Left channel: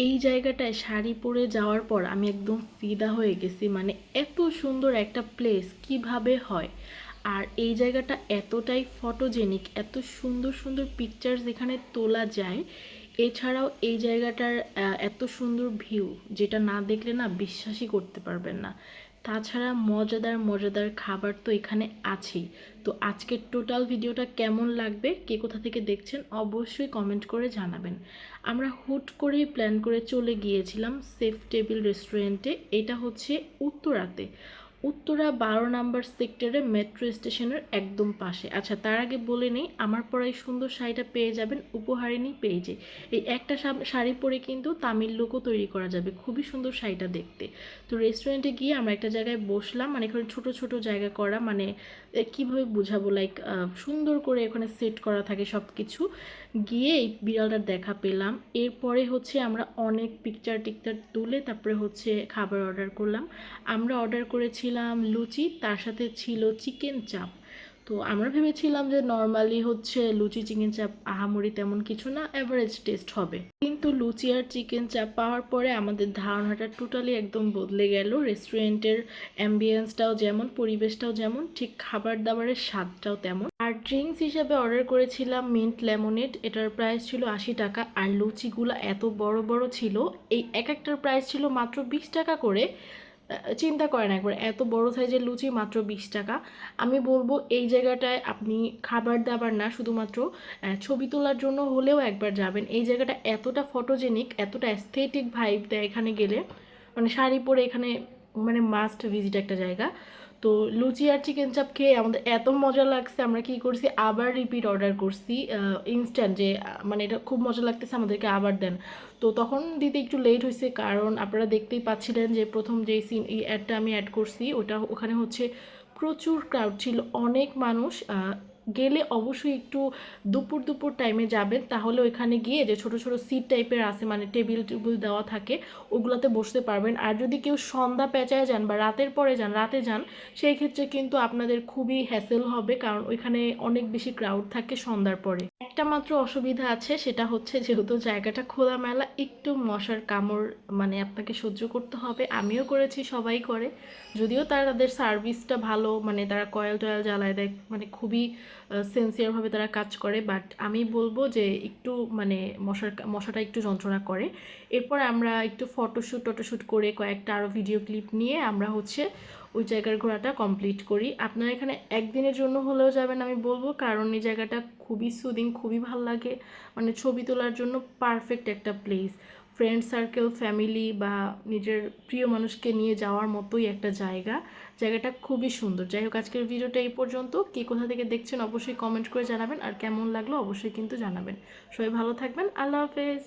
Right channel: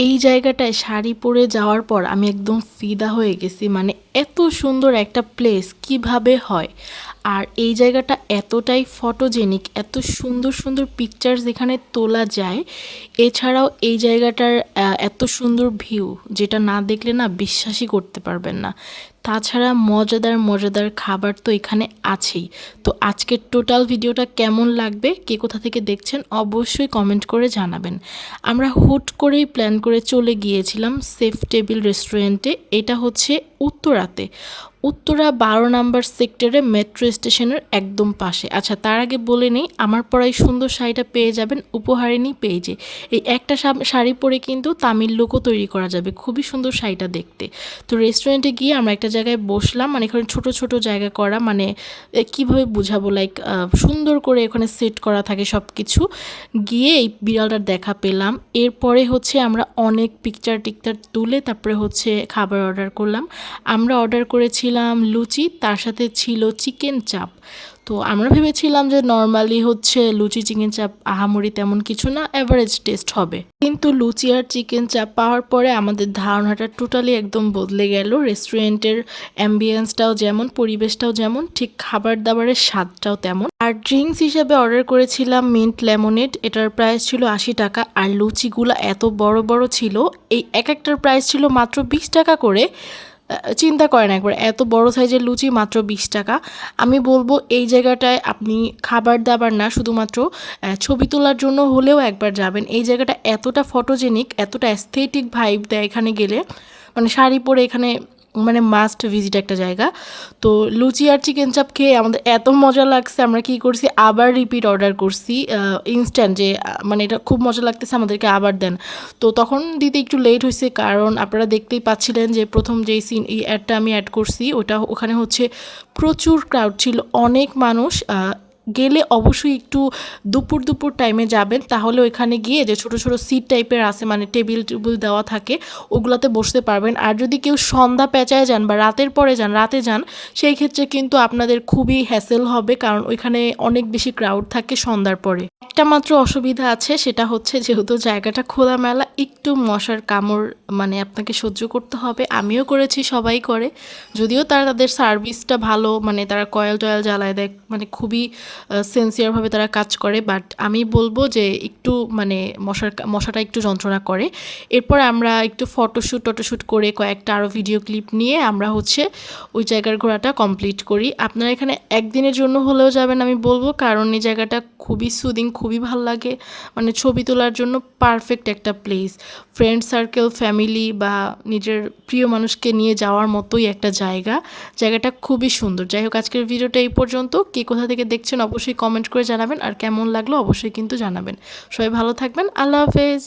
এই জায়গাটায় শাড়ি পরে যাওয়ার পর আমি একদম ফিদা হয়ে গেছি। মানে এত সুন্দর একটা প্লেস কিভাবে হয়, আর এই জায়গাটা এতটাই ফটোজেনিক, এত সুন্দর সুন্দর পিকচার্স এখানে তোলা যায়। এছাড়াও এই জায়গাটার এত সুন্দর ভিউ, যেটা না দেখলে না বিশ্বাসই করতে পারবেন না। তাছাড়া মজাদার মজাদার খাবার তো এখানে আছেই। তো আজকের টোটাল ভিডিওটা কেমন লাগবে, কে কোথা থেকে দেখছেন অবশ্যই কমেন্ট করে জানাবেন। আমরা হুট করেই প্ল্যান করে চলে গিয়েছিলাম সেফ টেবিল রেস্টুরেন্টে। এটা হচ্ছে উত্তরাতে, উত্তরা 12 নম্বর সেক্টরে মেট্রো স্টেশনের একদম পাশে। আচ্ছা, তার আগে বলে নেই, আমার পরাই সুন্দর শাড়িটা পেয়ে যাবেন উপহারিণী পেজে। এই একটা শাড়ি পরে কিন্তু তামিল লুকও তৈরি করা যাবে, খুবই সুন্দর শাড়িটা দেখতে। তো রেস্টুরেন্টে গিয়ে আমরা একটা জায়গায় বসলাম, মানে এখানে ছোট ছোট জায়গা করা, মানে কিভাবে বুঝাবো, লাইক সুন্দর করে এখানে সেট করা থাকে সব কিছু। গিয়ে এই বিড়ালটার দেখা পেলাম। এরপরে হচ্ছে আমরা অনেক পিকচার টিকচার তুলে তারপরে হচ্ছে খাবার অর্ডার করলাম। আমরা অর্ডার করেছিলাম লুচি, তার সাথে ছিল চিকেন চাপ। তো আমরা ভেবেছিলাম যে নর্মালি হচ্ছে লুচি চিকেন চাপ আহামরি তেমন কিছু না, অ্যাভারেজ টেস্ট হবে। কিন্তু লুচি আর চিকেন চাপ পাওয়ার পরে আমাদের ধারণাটা টোটালি একদম বদলে গেল। রেস্টুরেন্টের অ্যাম্বিয়েন্সটাও যেমন, পরিবেশটাও যেমন, ঠিক খাবার দাবারের স্বাদটাও তেমন। আর ড্রিঙ্কস হিসেবে অর্ডার করেছিলাম মিন্ট লেমনেড, এটার প্রাইস ছিল 80 টাকা। আর লুচিগুলো এত বড় বড় ছিল, এই এক একটার প্রাইস ছিল মাত্র 20 টাকা করে। চিন্তা করেন একবার, এত বড় সাইজের লুচি মাত্র 20 টাকা। আমি বলবো এই জায়গাটায় আপনি খাবার দাবার না, শুধুমাত্র ছবি তোলার জন্য হলেও একবার যাবেন। এই জায়গাটা এতটা ফটোজেনিক, এতটা অ্যাস্থেটিক ভাইব দেয় এখানে গেলে, মানে শাড়ি পরে এখানে মানে মাস্ট ভিজিট একটা জায়গা। তো লুচি আর চিকেন চাপ খেয়ে আমাদের এত মজা লাগছে, আমরা কী করছি, আবার রিপিট অর্ডার করছি ইনস্ট্যান্ট, যে মানে এটা খুব মজা লাগতেছে, আমাদেরকে আবার দেন। তো তখন দিতে একটু লেট হয়েছে, কারণ আপনারা দেখতেই পাচ্ছিলেন যে প্রথম যেই সিন এই অ্যাডটা আমি অ্যাড করছি ওখানে হচ্ছে প্রচুর ক্রাউড ছিল, অনেক মানুষ। গেলে অবশ্যই একটু দুপুর দুপুর টাইমে যাবেন, তাহলে ওইখানে গিয়ে যে ছোট ছোট সিট টাইপের আছে, মানে টেবিল টেবিল দেওয়া থাকে, ওগুলাতে বসতে পারবেন। আর যদি কেউ সন্ধ্যা পেঁচায় যান বা রাতের পরে যান, রাতে যান, সেই ক্ষেত্রে কিন্তু আপনাদের খুবই হ্যাসেল হবে, কারণ ওইখানে অনেক বেশি ক্রাউড থাকে সন্ধ্যার পরে। একটা মাত্র অসুবিধা আছে, সেটা হচ্ছে যেহেতু জায়গাটা খোলামেলা, একটু মশার কামড় মানে আপনাকে সহ্য করতে হবে। আমিও করেছি, সবাই করে, যদিও তাদের সার্ভিসটা ভালো, মানে তারা কয়েল টয়েল জ্বালায় দেয়, মানে খুবই সিনসিয়ারভাবে তারা কাজ করে। বাট আমি বলবো যে একটু মানে মশাটা একটু যন্ত্রণা করে। এরপর আমরা একটু ফটোশ্যুট করে কয়েকটা আরও ভিডিও ক্লিপ নিয়ে আমরা হচ্ছে ওই জায়গার ঘোরাটা কমপ্লিট করি। আপনারা এখানে একদিনের জন্য হলেও যাবেন আমি বলবো, কারণ এই জায়গাটা খুবই সুদিং, খুবই ভাল লাগে, মানে ছবি তোলার জন্য পারফেক্ট একটা প্লেস। ফ্রেন্ড সার্কেল, ফ্যামিলি বা নিজের প্রিয় মানুষকে নিয়ে যাওয়ার মতোই একটা জায়গাটা খুবই সুন্দর। যাই হোক, আজকের ভিডিওটা এই পর্যন্ত। কে কোথা থেকে দেখছেন অবশ্যই কমেন্ট করে জানাবেন, আর কেমন লাগলো অবশ্যই কিন্তু জানাবেন। সবাই ভালো থাকবেন, আল্লাহ হাফেজ।